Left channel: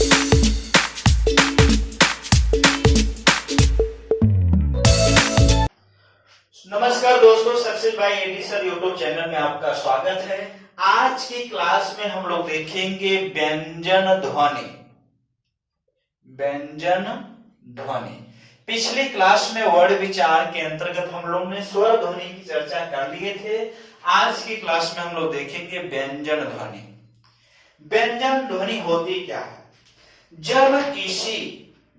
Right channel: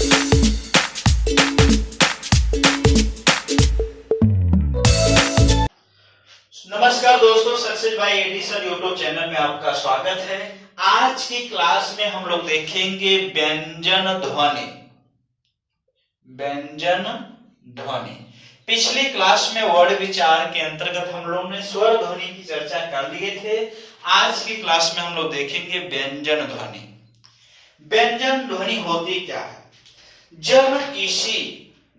नमस्कार दोस्तों, success by edition YouTube channel में आपका स्वागत है। आज की क्लास में हम लोग देखेंगे व्यंजन ध्वनि। व्यंजन ध्वनि पिछली क्लास में वर्ड विचार के अंतर्गत हम लोग ने स्वर ध्वनि की चर्चा कर लिए थे। आज की क्लास में हम लोग देखेंगे व्यंजन ध्वनि। व्यंजन ध्वनि होती क्या है? जब किसी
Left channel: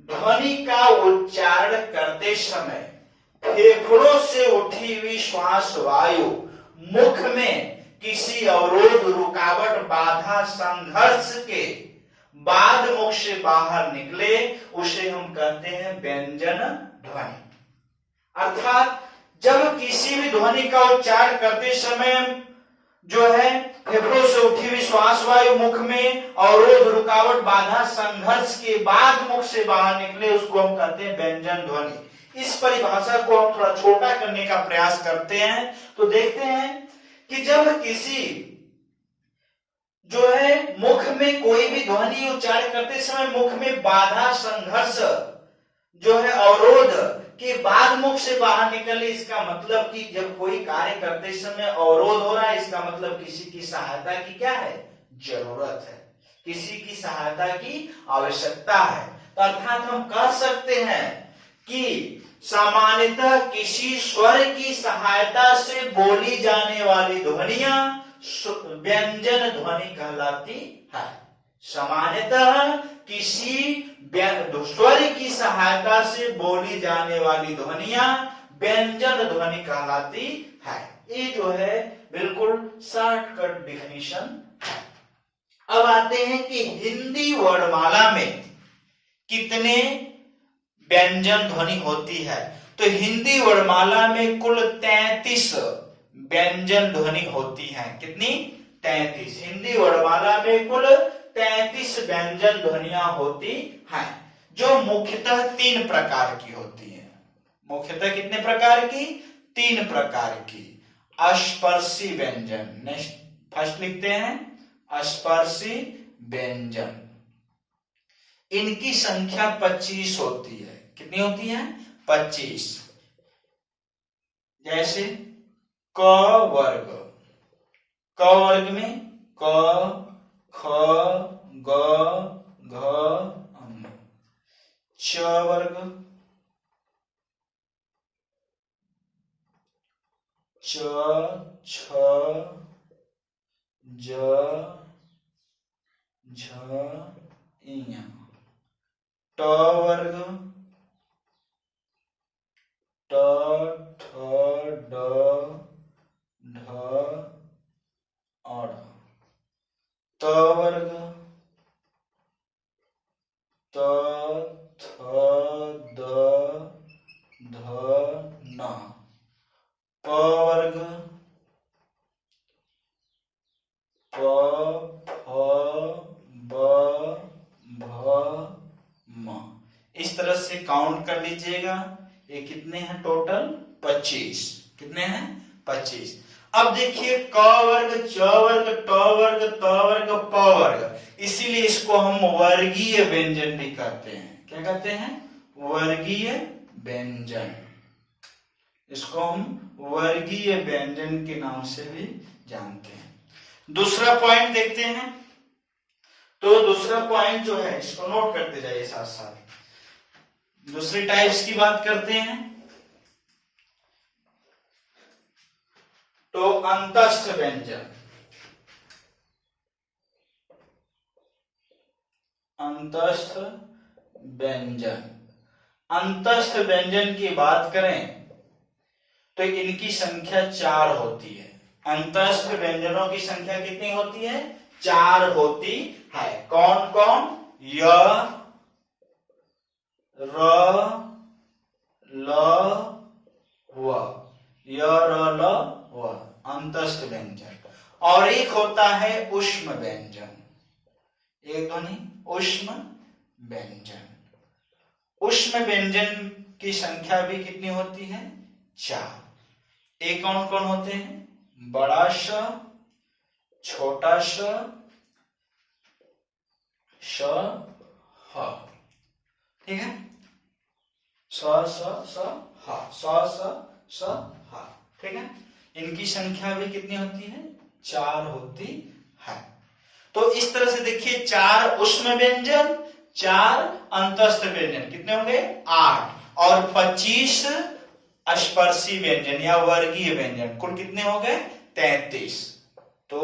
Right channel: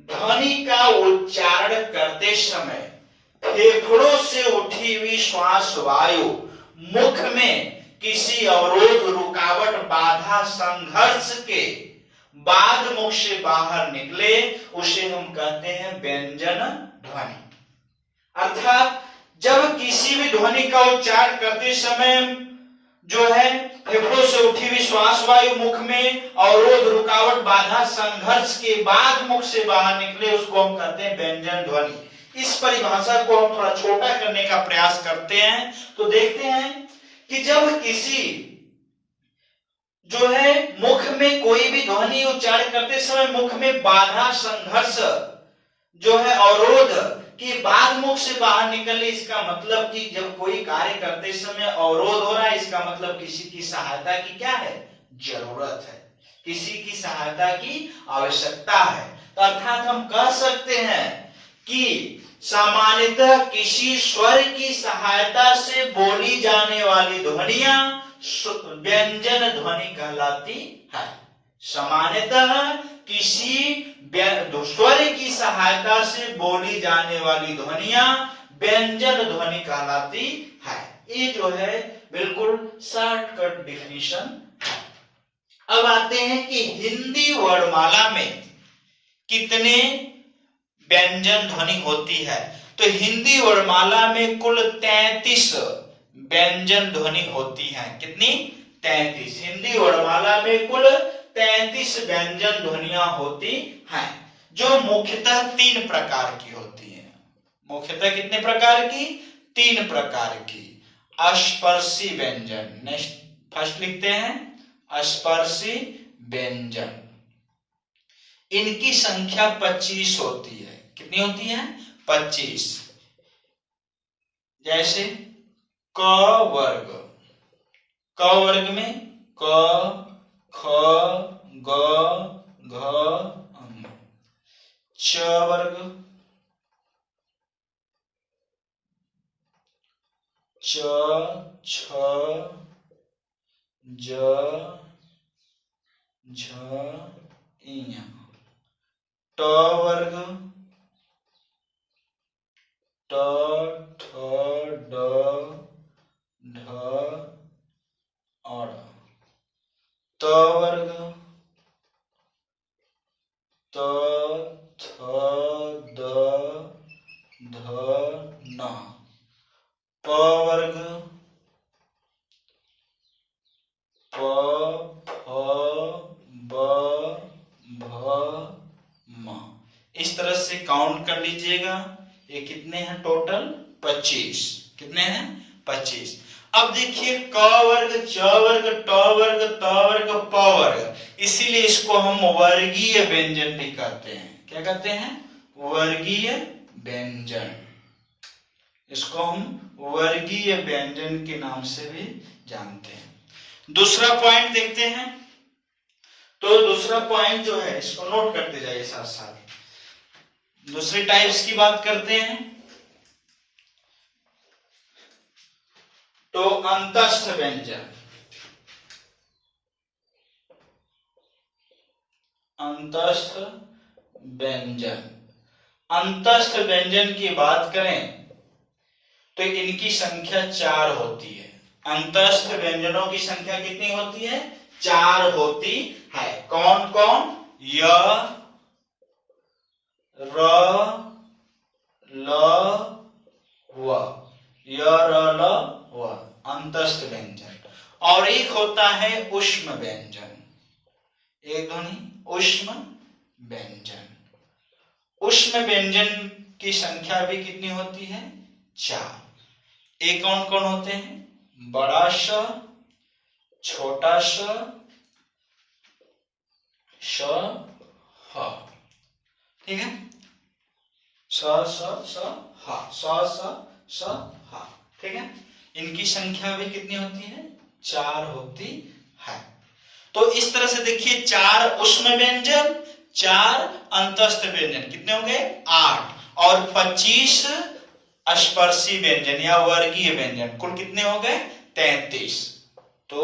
ध्वनि का उच्चारण करते समय फेफड़ों से उठी हुई श्वास वायु मुख में किसी अवरोध, रुकावट, बाधा, संघर्ष के बाद मुख से बाहर निकले, उसे हम कहते हैं व्यंजन ध्वनि। अर्थात जब किसी भी ध्वनि का उच्चारण करते समय जो है फेफड़ों से उठी हुई श्वास वायु मुख में अवरोध, रुकावट, बाधा, संघर्ष के बाद मुख से बाहर निकले, उसको हम कहते हैं व्यंजन ध्वनि। इस परिभाषा को हम थोड़ा छोटा करने का प्रयास करते हैं तो देखते हैं कि जब किसी जो है मुख में कोई भी ध्वनि उच्चारण करते समय मुख में बाधा, संघर्ष जो है अवरोध के बाद मुख से बाहर निकले, इसका मतलब कि जब कोई कार्य करते समय अवरोध हो रहा है, इसका मतलब किसी की सहायता की क्या है? जरूरत है, किसी की सहायता की आवश्यकता है। तो अर्थात हम कह सकते हैं कि सामान्यतः किसी स्वर की सहायता से बोली जाने वाली ध्वनियां व्यंजन ध्वनि कहलाती है। सामान्यतः किसी स्वर की सहायता से बोली जाने वाली ध्वनियां व्यंजन ध्वनि कहलाती है। ये जो है बिल्कुल शॉर्टकट डिफिनीशन है। अब आते हैं कि हिंदी वर्णमाला में कितने व्यंजन ध्वनि होती है। तो हिंदी वर्णमाला में कुल 33 व्यंजन ध्वनि होती है। कितनी? 33। हिंदी वर्णमाला में कुल 33 व्यंजन ध्वनियां होती हैं, जो मुख्यतः 3 प्रकार की होती हैं। मुख्यतः कितने प्रकार की? 3 प्रकार की। स्पर्शी व्यंजन, नेक्स्ट फर्स्ट लिखते हैं स्पर्शी व्यंजन। इनकी संख्या 25 होती है। कितनी होती है? 25। जैसे क वर्ग, क वर्ग में क, ख, ग, घ, ङ। च वर्ग, च, छ, ज, झ, ञ। ट वर्ग, ट, ठ, ड, ढ, और त वर्ग, त, थ, द, ध, न। प वर्ग, प, फ, ब, भ, म। इस तरह से काउंट कर लीजिएगा। ये कितने हैं टोटल? 25। कितने हैं? 25। अब देखिए क वर्ग, च वर्ग, ट वर्ग, त वर्ग, प वर्ग, इसीलिए इसको हम वर्गीय व्यंजन भी कहते हैं। क्या कहते हैं? वर्गीय व्यंजन। इसको हम वर्गीय व्यंजन के नाम से भी जानते हैं। दूसरा पॉइंट देखते हैं। तो दूसरा पॉइंट जो है इसको नोट करते जाइए साथ साथ। दूसरे टाइप्स की बात करते हैं। तो अंतस्थ व्यंजन, अंतस्थ व्यंजन। अंतस्थ व्यंजन की बात करें तो इनकी संख्या 4 होती है। अंतस्थ व्यंजनों की संख्या कितनी होती है? 4 होती है। कौन कौन? य, र, ल, व। य, र, ल, व अंतस्थ व्यंजन। और एक होता है ऊष्म व्यंजन। एक ध्वनि ऊष्म व्यंजन। ऊष्म व्यंजन की संख्या भी कितनी होती है? 4। एक कौन कौन होते हैं? बड़ा श, छोटा श, ह, ठीक है, स स स ह, स स ह, ठीक है। इनकी संख्या भी कितनी होती है? 4 होती है। तो इस तरह से देखिए 4 ऊष्म व्यंजन, 4 अंतस्थ व्यंजन, कितने हो गए? 8, और 25 स्पर्शी व्यंजन या वर्गीय व्यंजन, कुल कितने हो गए? 33। तो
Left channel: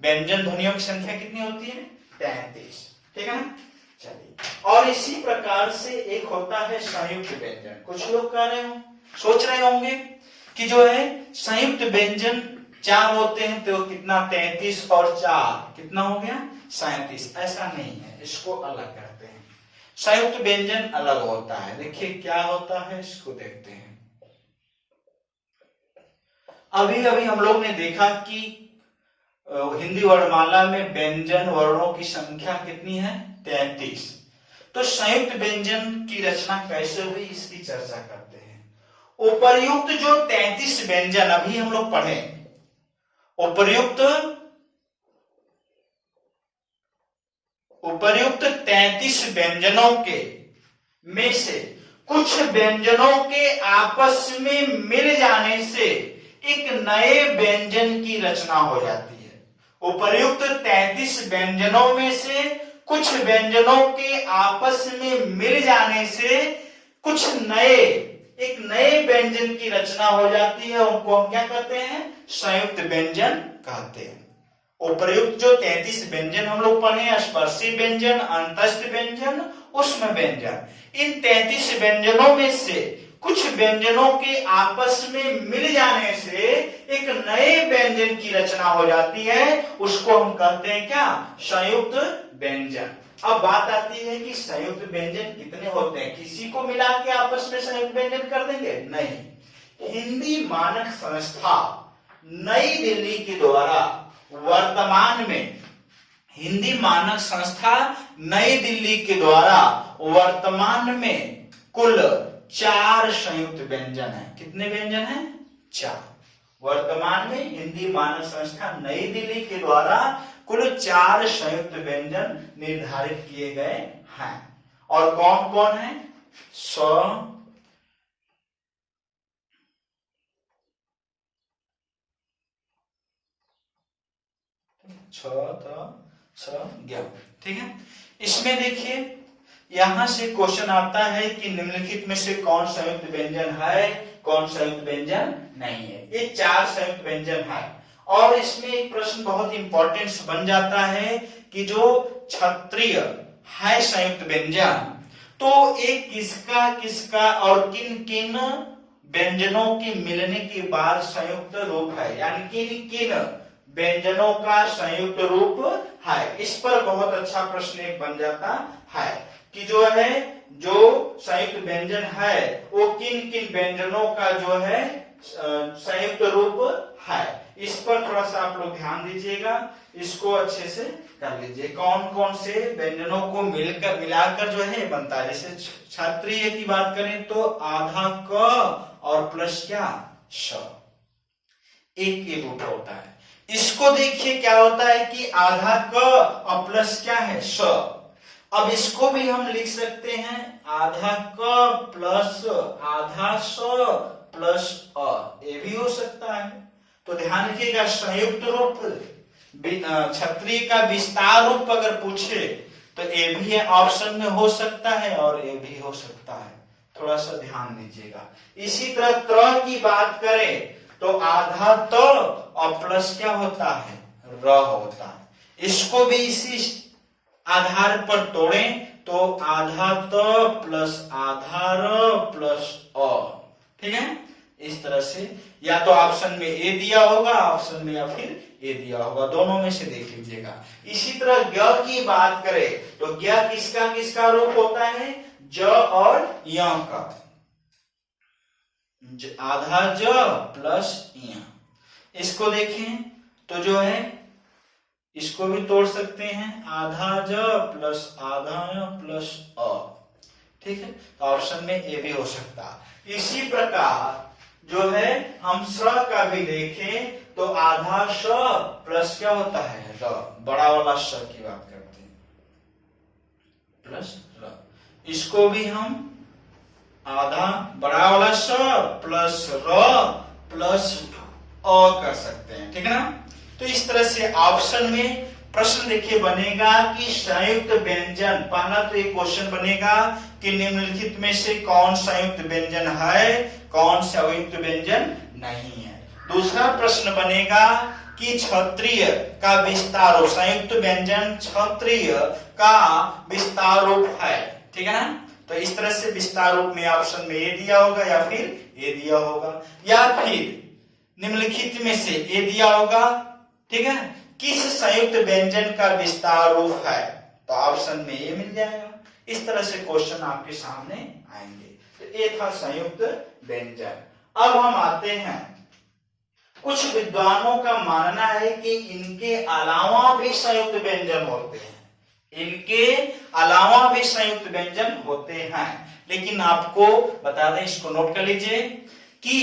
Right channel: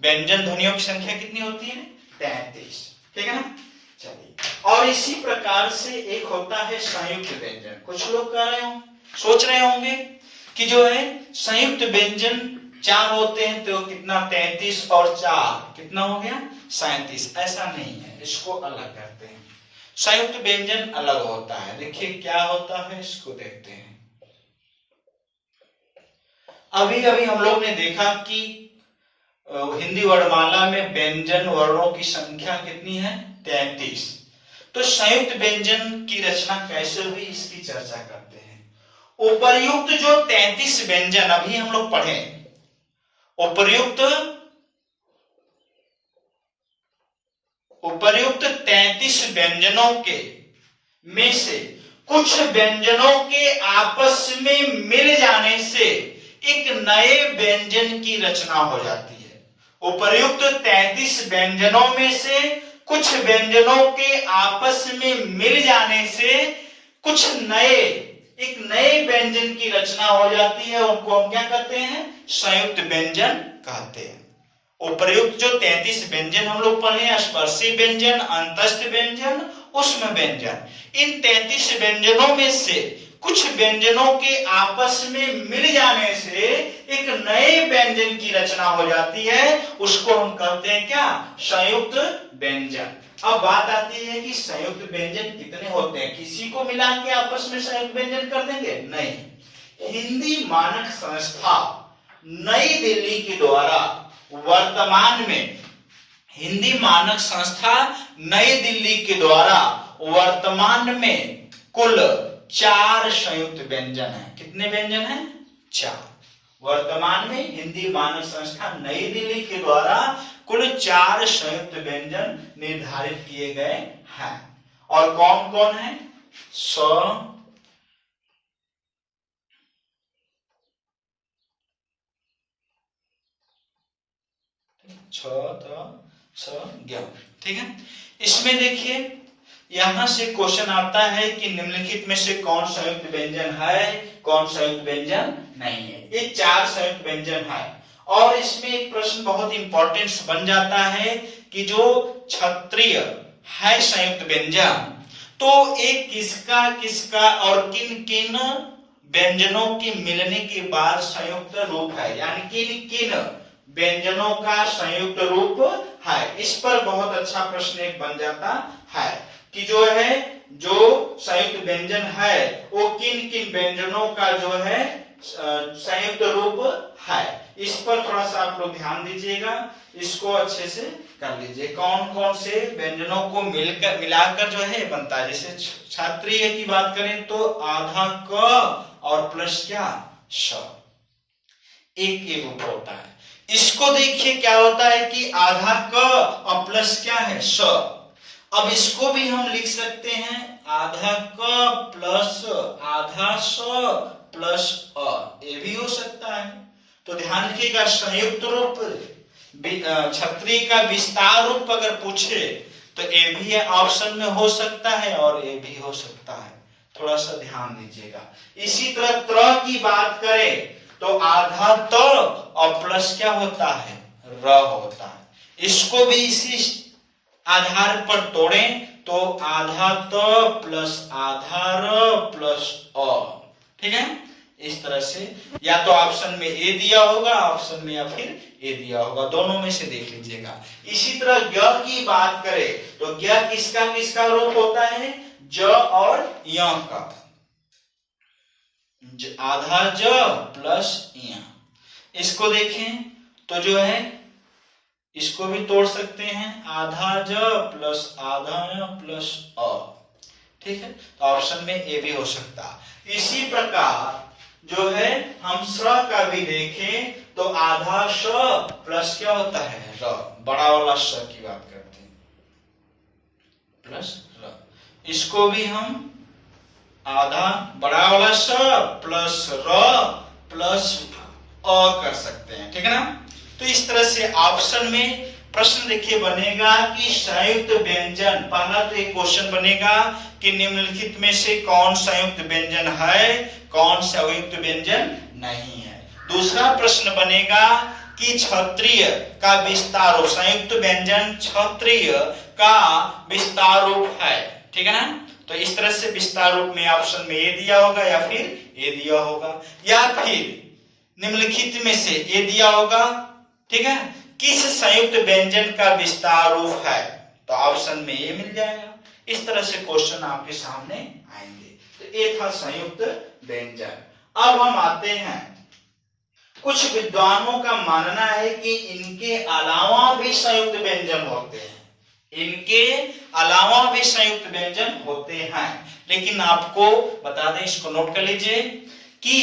व्यंजन ध्वनियों की संख्या कितनी होती है? 33, ठीक है ना। चलिए, और इसी प्रकार से एक होता है संयुक्त व्यंजन। कुछ लोग कह रहे हो, सोच रहे होंगे कि जो है संयुक्त व्यंजन 4 होते हैं तो कितना? 33 और 4 कितना हो गया? 37। ऐसा नहीं है, इसको अलग करते हैं। संयुक्त व्यंजन अलग होता है। देखिए क्या होता है, इसको देखते हैं। अभी अभी हम लोग ने देखा कि हिंदी वर्णमाला में व्यंजन वर्णों की संख्या कितनी है? 33। तो संयुक्त व्यंजन की रचना कैसे हुई, इसकी चर्चा करते हैं। उपर्युक्त जो 33 व्यंजन अभी हम लोग पढ़े, उपर्युक्त 33 व्यंजनों के में से कुछ व्यंजनों के आपस में मिल जाने से एक नए व्यंजन की रचना हो जाती है। उपर्युक्त 33 व्यंजनों में से कुछ व्यंजनों के आपस में मिल जाने से कुछ एक नए व्यंजन की रचना हो जाती है। उनको हम क्या कहते हैं? संयुक्त व्यंजन कहते हैं। उपर्युक्त जो 33 व्यंजन हम लोग पढ़े, स्पर्शी व्यंजन, अंतस्थ व्यंजन, ऊष्म व्यंजन, इन 33 व्यंजनों में से कुछ व्यंजनों के आपस में मिल जाने से एक नए व्यंजन की रचना हो जाती है। उसको हम कहते हैं क्या? संयुक्त व्यंजन। अब बात आती है कि संयुक्त व्यंजन कितने होते हैं? किसी को मिला के आपस में संयुक्त व्यंजन कर देंगे? नहीं। हिंदी मानक संस्था नई दिल्ली के द्वारा वर्तमान में, हिंदी मानक संस्था नई दिल्ली के द्वारा वर्तमान में कुल 4 संयुक्त व्यंजन है। कितने व्यंजन है? 4। वर्तमान में हिंदी मानक संस्था नई दिल्ली के द्वारा कुल 4 संयुक्त व्यंजन निर्धारित किए गए हैं। और कौन कौन है? स, छ, त, स, ज्ञ, ठीक है। इसमें देखिए यहां से क्वेश्चन आता है कि निम्नलिखित में से कौन संयुक्त व्यंजन है, कौन संयुक्त व्यंजन नहीं है। ये 4 संयुक्त व्यंजन है। और इसमें एक प्रश्न बहुत इंपॉर्टेंट बन जाता है कि जो क्षत्रिय है संयुक्त व्यंजन, तो एक किसका किसका और किन किन व्यंजनों के मिलने के बाद संयुक्त रूप है, यानी किन किन व्यंजनों का संयुक्त रूप है। इस पर बहुत अच्छा प्रश्न एक बन जाता है कि जो है जो संयुक्त व्यंजन है वो किन किन व्यंजनों का जो है संयुक्त रूप है। इस पर थोड़ा सा आप लोग ध्यान दीजिएगा, इसको अच्छे से कर लीजिए। कौन कौन से व्यंजनों को मिलाकर जो है बनता है। जैसे क्षत्रिय की बात करें तो आधा क और प्लस क्या? श, एक रूप होता है। इसको देखिए क्या होता है कि आधा क और प्लस क्या है? स। अब इसको भी हम लिख सकते हैं आधा क प्लस आधा स प्लस अ, ये भी हो सकता है। तो ध्यान रखिएगा, संयुक्त रूप क्षत्रिय का विस्तार रूप अगर पूछे तो ये भी ऑप्शन में हो सकता है और ये भी हो सकता है। थोड़ा सा ध्यान दीजिएगा। इसी तरह त्र की बात करें तो आधा त और प्लस क्या होता है? र होता है। इसको भी इसी आधार पर तोड़ें तो आधा त प्लस आधा र प्लस अ, ठीक है। इस तरह से या तो ऑप्शन में ए दिया होगा, ऑप्शन में या फिर ए दिया होगा, दोनों में से देख लीजिएगा। इसी तरह ज्ञ की बात करें तो ज्ञ किसका किसका रूप होता है? ज और य का। आधा ज प्लस य, इसको देखें तो जो है इसको भी तोड़ सकते हैं, आधा ज प्लस आधा य प्लस अ, ठीक है। तो ऑप्शन में ए भी हो सकता। इसी प्रकार जो है हम स का भी देखें तो आधा स प्लस क्या होता है? र, बड़ा वाला स की बात करते हैं, प्लस र। इसको भी हम आधा बड़ा वाला स प्लस र प्लस अ कर सकते हैं, ठीक है ना। तो इस तरह से ऑप्शन में प्रश्न देखिए बनेगा कि संयुक्त व्यंजन, पहला तो एक क्वेश्चन बनेगा कि निम्नलिखित में से कौन संयुक्त व्यंजन है, कौन संयुक्त व्यंजन नहीं है। दूसरा प्रश्न बनेगा कि क्षत्रिय का विस्तार रूप, संयुक्त व्यंजन क्षत्रिय का विस्तार रूप है, ठीक है ना। तो इस तरह से विस्तार रूप में ऑप्शन में ए दिया होगा या फिर ए दिया होगा, या फिर निम्नलिखित में से ए दिया होगा, ठीक है। किस संयुक्त व्यंजन का विस्तार रूप है, तो ऑप्शन में ए मिल जाएगा। इस तरह से क्वेश्चन आपके सामने आएंगे। तो ये था संयुक्त व्यंजन। अब हम आते हैं, कुछ विद्वानों का मानना है कि इनके अलावा भी संयुक्त व्यंजन होते हैं, इनके अलावा भी संयुक्त व्यंजन होते हैं। लेकिन आपको बता दें, इसको नोट कर लीजिए कि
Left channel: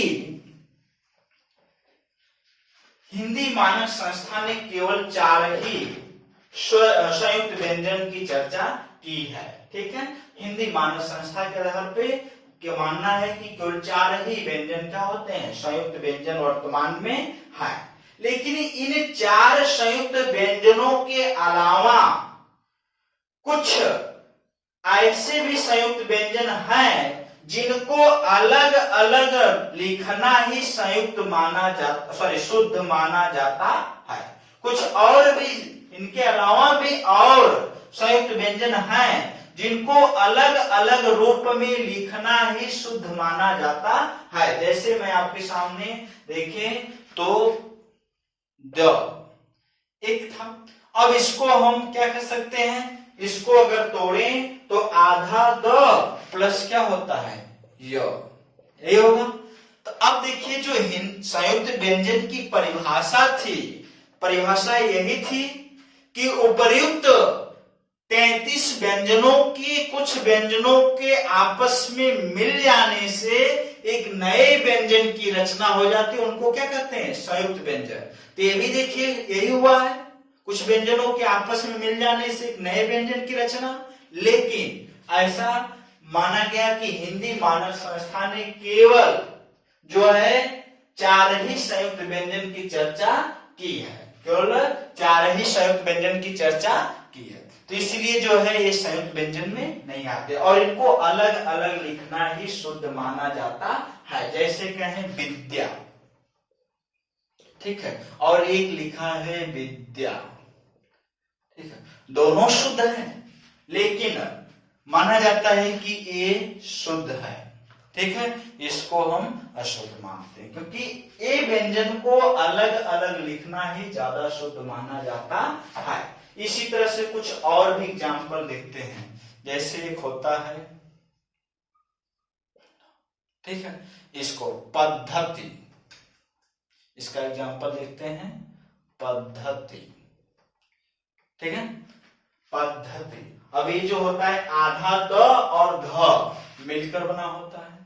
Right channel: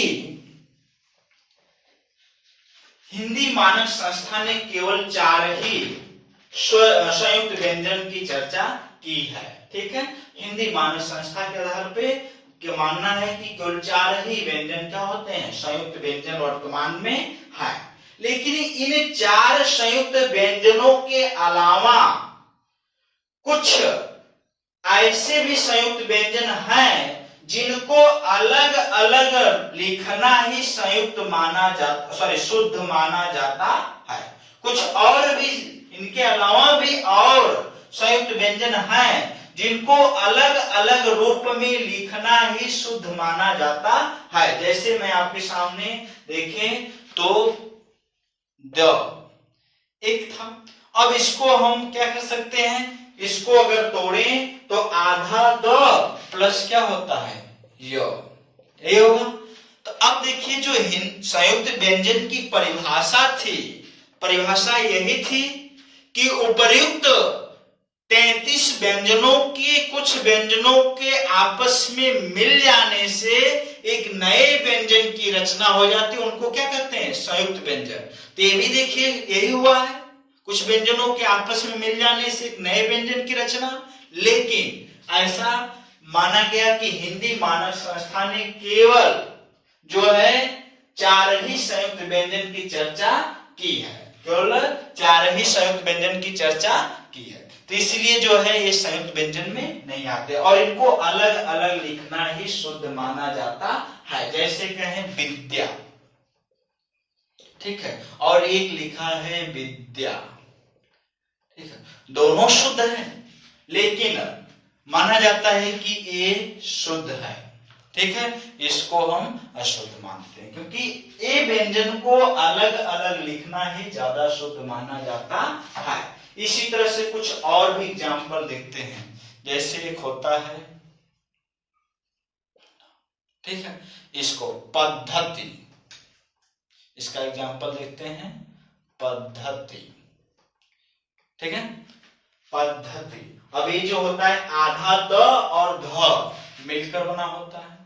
हिंदी मानक संस्था ने केवल 4 ही संयुक्त व्यंजन की चर्चा की है, ठीक है। हिंदी मानक संस्था के आधार पे क्या मानना है कि केवल 4 ही व्यंजन क्या होते हैं, संयुक्त व्यंजन वर्तमान में है। लेकिन इन 4 संयुक्त व्यंजनों के अलावा कुछ ऐसे भी संयुक्त व्यंजन हैं जिनको अलग अलग लिखना ही संयुक्त माना जाता, शुद्ध माना जाता है। कुछ और भी, इनके अलावा भी और संयुक्त व्यंजन हैं जिनको अलग अलग रूप में लिखना ही शुद्ध माना जाता है। जैसे मैं आपके सामने देखें तो द एक था, अब इसको हम क्या कर सकते हैं, इसको अगर तोड़ें तो आधा द प्लस क्या होता है, य, यही होगा। तो अब देखिए जो संयुक्त व्यंजन की परिभाषा थी, परिभाषा यही थी कि उपर्युक्त 33 व्यंजनों के कुछ व्यंजनों के आपस में मिल जाने से एक नए व्यंजन की रचना हो जाती है, उनको क्या कहते हैं, संयुक्त व्यंजन। तो ये भी देखिए यही हुआ है, कुछ व्यंजनों के आपस में मिल जाने से एक नए व्यंजन की रचना। लेकिन ऐसा माना गया कि हिंदी मानक संस्था ने केवल जो है 4 ही संयुक्त व्यंजन की चर्चा की है, केवल 4 ही संयुक्त व्यंजन की चर्चा की है। तो इसलिए जो है ये संयुक्त व्यंजन में नहीं आते और इनको अलग अलग लिखना ही शुद्ध माना जाता है। जैसे कहें विद्या, ठीक है, और एक लिखा है विद्या, ठीक है, दोनों शुद्ध है लेकिन माना जाता है कि ये शुद्ध है, ठीक है, इसको हम अशुद्ध मानते हैं क्योंकि ए व्यंजन को अलग अलग लिखना ही ज्यादा शुद्ध माना जाता है। इसी तरह से कुछ और भी एग्जाम्पल देखते हैं, जैसे एक होता है, ठीक है, इसको पद्धति, इसका एग्जाम्पल देखते हैं, पद्धति, ठीक है, पद्धति। अब ये जो होता है आधा द और ध मिलकर बना होता है,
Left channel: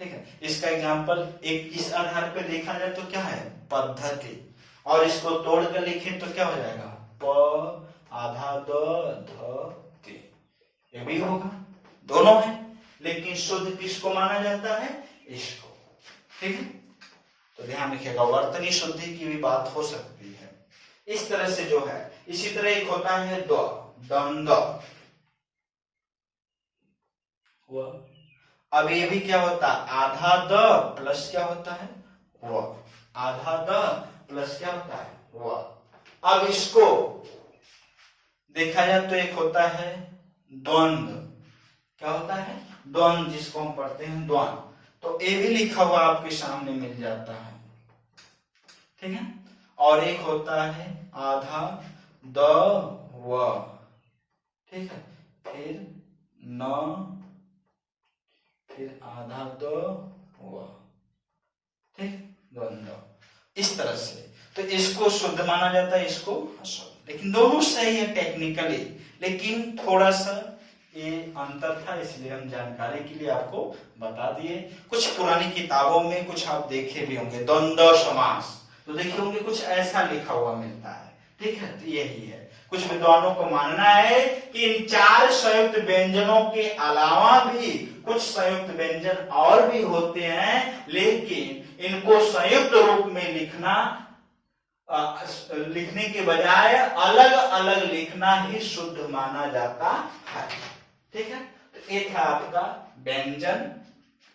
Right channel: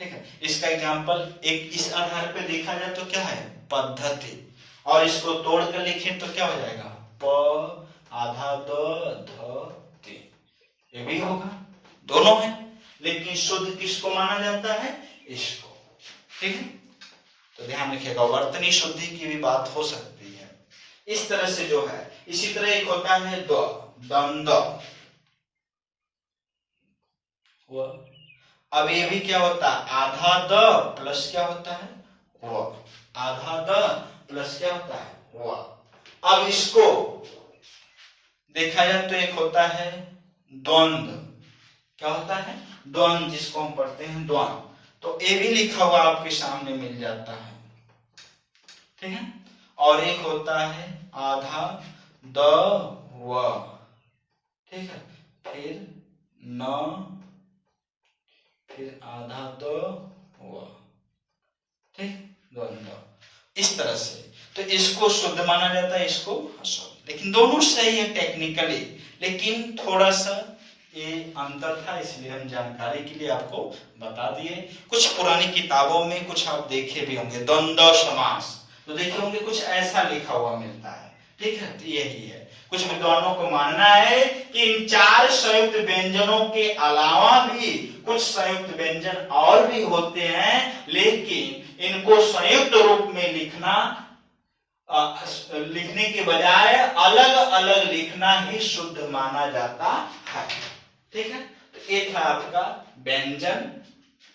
ठीक है, इसका एग्जाम्पल एक इस आधार पे देखा जाए तो क्या है, पद्धति, और इसको तोड़ कर लिखें तो क्या हो जाएगा, प आधा द ध ति, ये भी होगा, दोनों है, लेकिन शुद्ध किसको माना जाता है, इसको, ठीक है। तो ध्यान रखिएगा, वर्तनी शुद्धि की भी बात हो सकती है इस तरह से जो है। इसी तरह एक होता है द्वंद, अब ये भी क्या होता है, आधा द प्लस क्या होता है, व, आधा द प्लस क्या होता है, व। अब इसको देखा जाए तो एक होता है द्वंद, क्या होता है, द्वंद, जिसको हम पढ़ते हैं द्वंद, तो ये भी लिखा हुआ आपके सामने मिल जाता है, ठीक है। और एक होता है आधा द व, ठीक है, फिर न, फिर आधा द व, ठीक, द्वंद्व, इस तरह से। तो इसको शुद्ध माना जाता है, इसको अशुद्ध, लेकिन दोनों सही है टेक्निकली, लेकिन थोड़ा सा ये अंतर था, इसलिए हम जानकारी के लिए आपको बता दिए। कुछ पुरानी किताबों में कुछ आप देखे भी होंगे द्वंद्व समास, तो देखे होंगे कुछ ऐसा लिखा हुआ मिलता है, ठीक है, तो यही है। कुछ विद्वानों को मानना है कि इन 4 संयुक्त व्यंजनों के अलावा भी कुछ संयुक्त व्यंजन और भी होते हैं, लेकिन इनको संयुक्त रूप में लिखने के बजाय अलग अलग लिखना ही शुद्ध माना जाता है। ठीक है, तो ये था आपका व्यंजन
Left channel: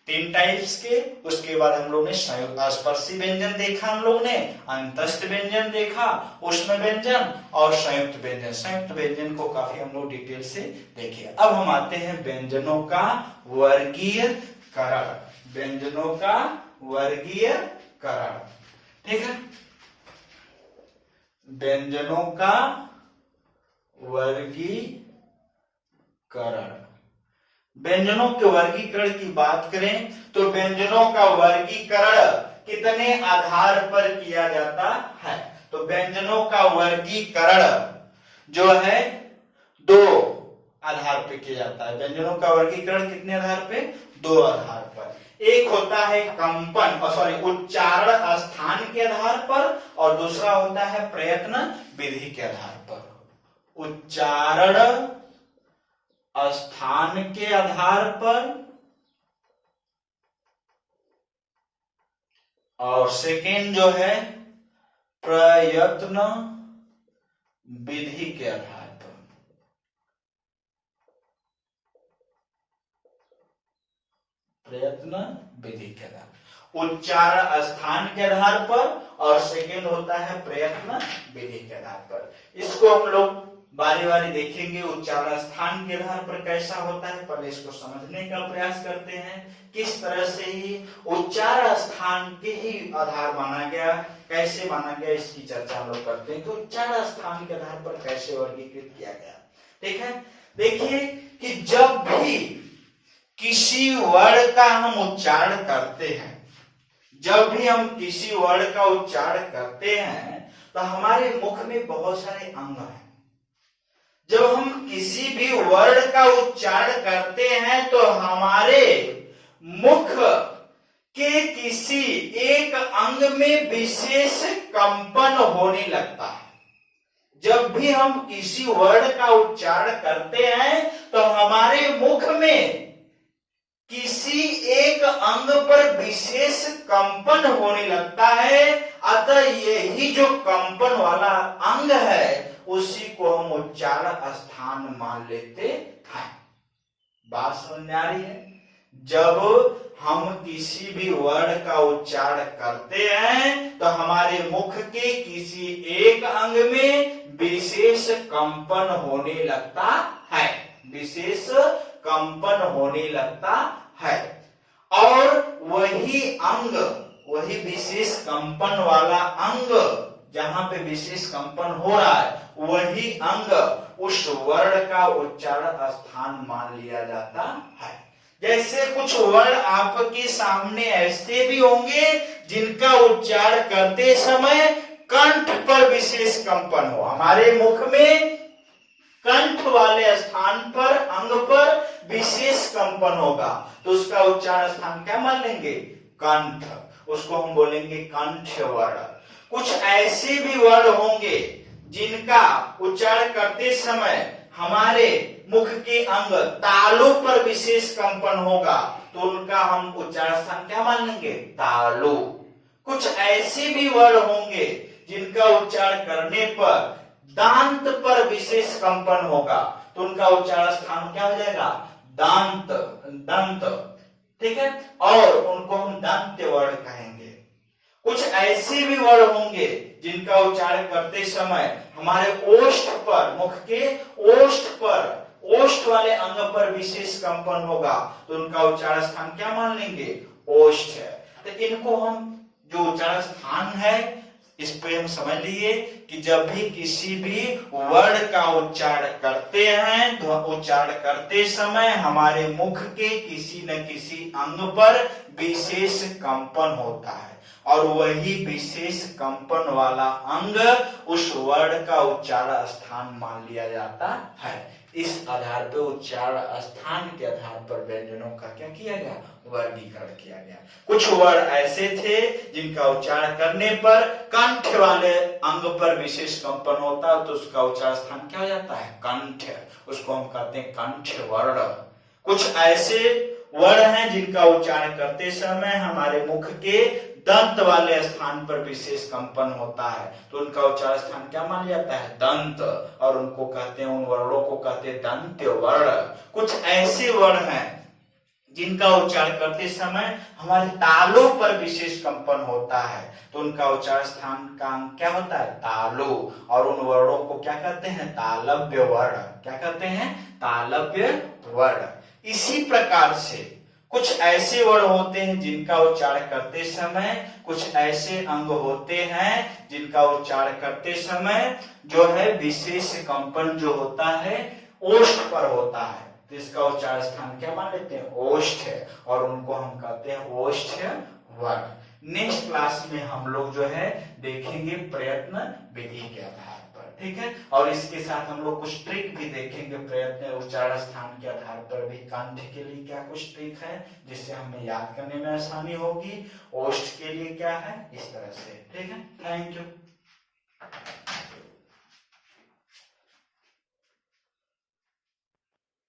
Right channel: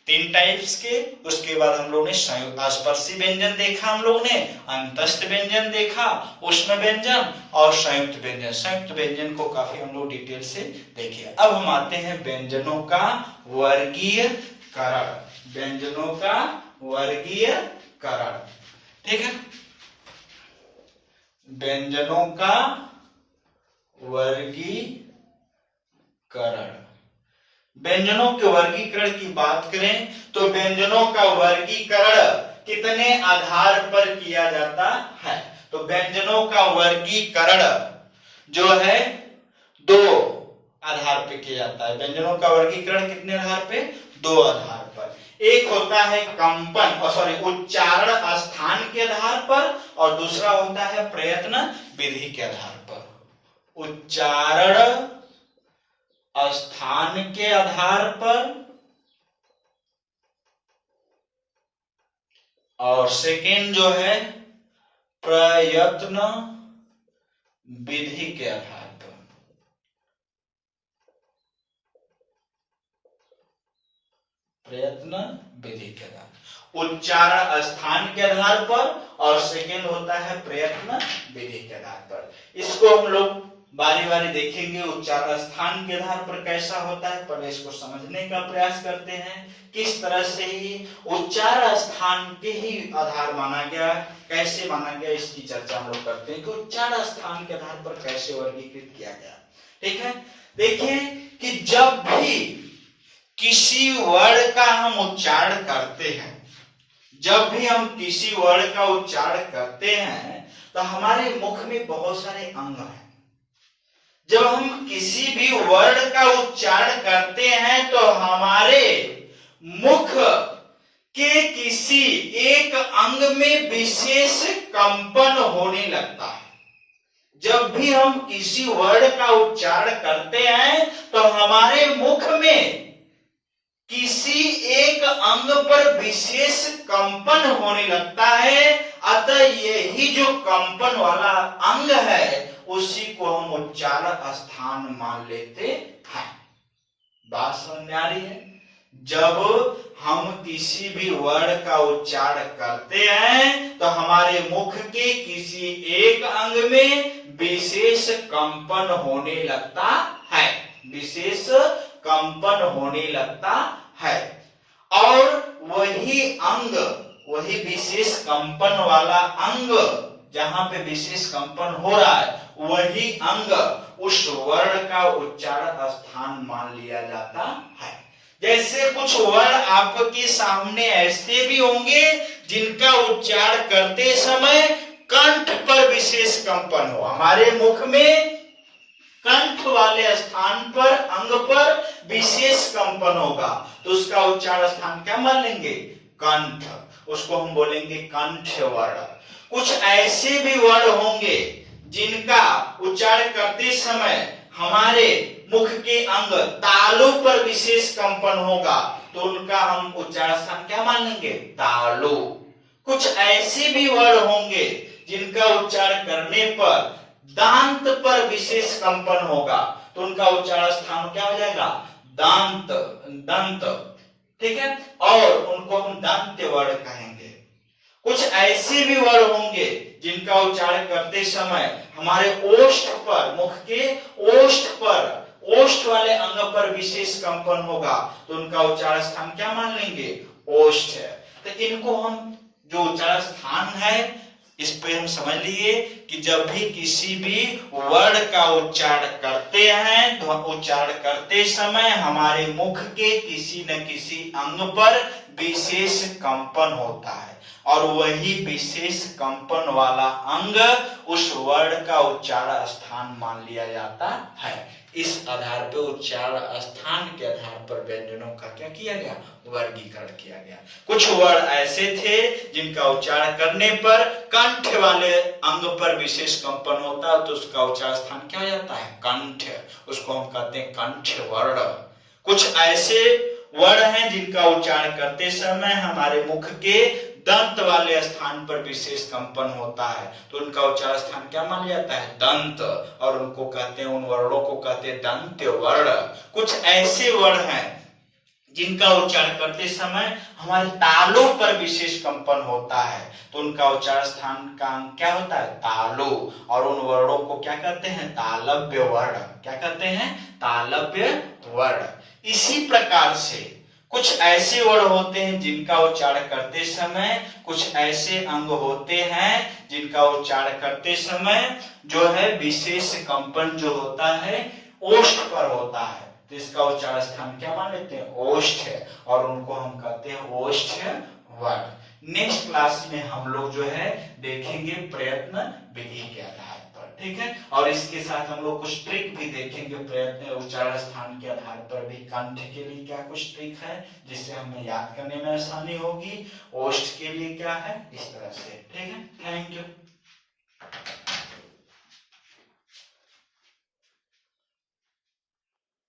3 टाइप्स के। उसके बाद हम लोग ने स्पर्शी व्यंजन देखा, हम लोग ने अंतस्थ व्यंजन देखा, उष्म व्यंजन और संयुक्त व्यंजन। संयुक्त व्यंजन को काफी हम लोग डिटेल से देखे। अब हम आते हैं व्यंजनों का वर्गीकरण। व्यंजनों का वर्गीकरण, ठीक है। व्यंजनों का वर्गीकरण। व्यंजनों के वर्गीकरण की बात करें तो व्यंजनों का वर्गीकरण कितने आधार पर किया जाता है? तो व्यंजनों का वर्गीकरण जो है 2 आधार पे किया जाता है। व्यंजनों का वर्गीकरण कितने आधार पे? 2 आधार पर। एक होता है कंपन उच्चारण स्थान के आधार पर, और दूसरा होता है प्रयत्न विधि के आधार पर। उच्चारण स्थान के आधार पर और सेकेंड जो है प्रयत्न विधि के आधार पर। प्रयत्न विधि के आधार, उच्चारण स्थान के आधार पर और सेकेंड होता है प्रयत्न विधि के आधार पर। इसको हम लोग बारी बारी देखेंगे। उच्चारण स्थान के आधार पर कैसा होता है, पहले इसको समझने का प्रयास करते हैं। किस तरह से ही उच्चारण स्थान के ही आधार माना गया, कैसे माना गया, इसकी चर्चा हम लोग करते हैं कि उच्चारण स्थान के आधार पर कैसे वर्गीकृत किया गया। ठीक है, देखिए कि जब भी किसी वर्ड का हम उच्चारण करते हैं, जब भी हम किसी वर्ड का उच्चारण करते हैं तो हमारे मुख में बहुत सारे अंग हैं। जब हम किसी भी वर्ड का उच्चारण करते हैं तो हमारे मुख के किसी एक अंग में विशेष कंपन होने लगता है। जब भी हम किसी वर्ड का उच्चारण करते हैं तो हमारे मुख में किसी एक अंग पर विशेष कंपन होने लगता है। अतः यही जो कंपन वाला अंग है उसी को हम उच्चारण स्थान मान लेते हैं। बात समझ में आ रही है? जब हम किसी भी वर्ड का उच्चारण करते हैं तो हमारे मुख के किसी एक अंग में विशेष कंपन होने लगता है, विशेष कंपन होने लगता है। और वही अंग, वही विशेष कंपन वाला अंग जहां पे विशेष कंपन हो रहा है, वही अंग उस वर्ण का उच्चारण स्थान मान लिया जाता है। जैसे कुछ वर्ण आपके सामने ऐसे भी होंगे जिनका उच्चारण करते समय कंठ पर विशेष कंपन हो। हमारे मुख में कंठ वाले स्थान पर, अंग पर विशेष कंपन होगा तो उसका उच्चारण स्थान क्या मान लेंगे? कंठ। उसको हम बोलेंगे कंठ वर्ण। कुछ ऐसे भी वर्ण होंगे जिनका उच्चारण करते समय हमारे मुख के अंग तालु पर विशेष कंपन होगा तो उनका हम उच्चारण स्थान क्या मान लेंगे? तालु। कुछ ऐसे भी वर्ण होंगे जिनका उच्चारण करने पर दांत पर विशेष कंपन होगा तो उनका उच्चारण स्थान क्या हो जाएगा? दांत, दंत। ठीक है, और उनको हम दंत वर्ण कहेंगे। कुछ ऐसे भी वर्ण होंगे जिनका उच्चारण करते समय हमारे ओष्ठ पर, मुख के ओष्ठ पर, ओष्ठ वाले अंग पर विशेष कंपन होगा तो उनका उच्चारण स्थान क्या मान लेंगे? ओष्ठ। तो इनको हम जो उच्चारण स्थान है इस पे हम समझ लिए कि जब भी किसी भी वर्ण का उच्चारण करते हैं तो उच्चारण करते समय हमारे मुख के किसी न किसी अंग पर विशेष कंपन होता है और वही विशेष कंपन वाला अंग उस वर्ण का उच्चारण स्थान मान लिया जाता है। इस आधार पे उच्चारण स्थान के आधार पर व्यंजनों का क्या किया गया, वर्गीकरण किया गया। कुछ वर्ण ऐसे थे जिनका उच्चारण करने पर कंठ वाले अंग पर विशेष कंपन होता है, तो उसका उच्चारण स्थान क्या हो जाता है, कंठ, उसको हम कहते हैं कंठ वर्ण। कुछ ऐसे वर्ण हैं जिनका उच्चारण करते समय हमारे मुख के दंत वाले स्थान पर विशेष कंपन होता है, तो उनका उच्चारण स्थान क्या मान जाता है, दंत, और उनको कहते हैं, उन वर्णों को कहते हैं दंत वर्ण। कुछ ऐसे वर्ण हैं जिनका उच्चारण करते समय हमारे तालों पर विशेष कंपन होता है, तो उनका उच्चारण स्थान का अंग क्या होता है, तालु, और उन वर्णों को क्या कहते हैं, तालव्य वर्ण। क्या कहते हैं, तालव्य वर्ण। इसी प्रकार से कुछ ऐसे वर्ण होते हैं जिनका उच्चारण करते समय, कुछ ऐसे अंग होते हैं जिनका उच्चारण करते समय जो है विशेष कंपन जो होता है ओष्ठ पर होता है, तो इसका उच्चारण स्थान क्या मान लेते हैं, ओष्ठ है, और उनको हम कहते हैं ओष्ठ वर्ण। नेक्स्ट क्लास में हम लोग जो है देखेंगे प्रयत्न विधि के आधार पर, ठीक है, और इसके साथ हम लोग कुछ ट्रिक भी देखेंगे, प्रयत्न उच्चारण स्थान के आधार पर भी कंठ के लिए क्या कुछ ट्रिक है जिससे हमें याद करने में आसानी होगी, ओष्ठ के लिए क्या है, इस तरह से, ठीक है। Thank you.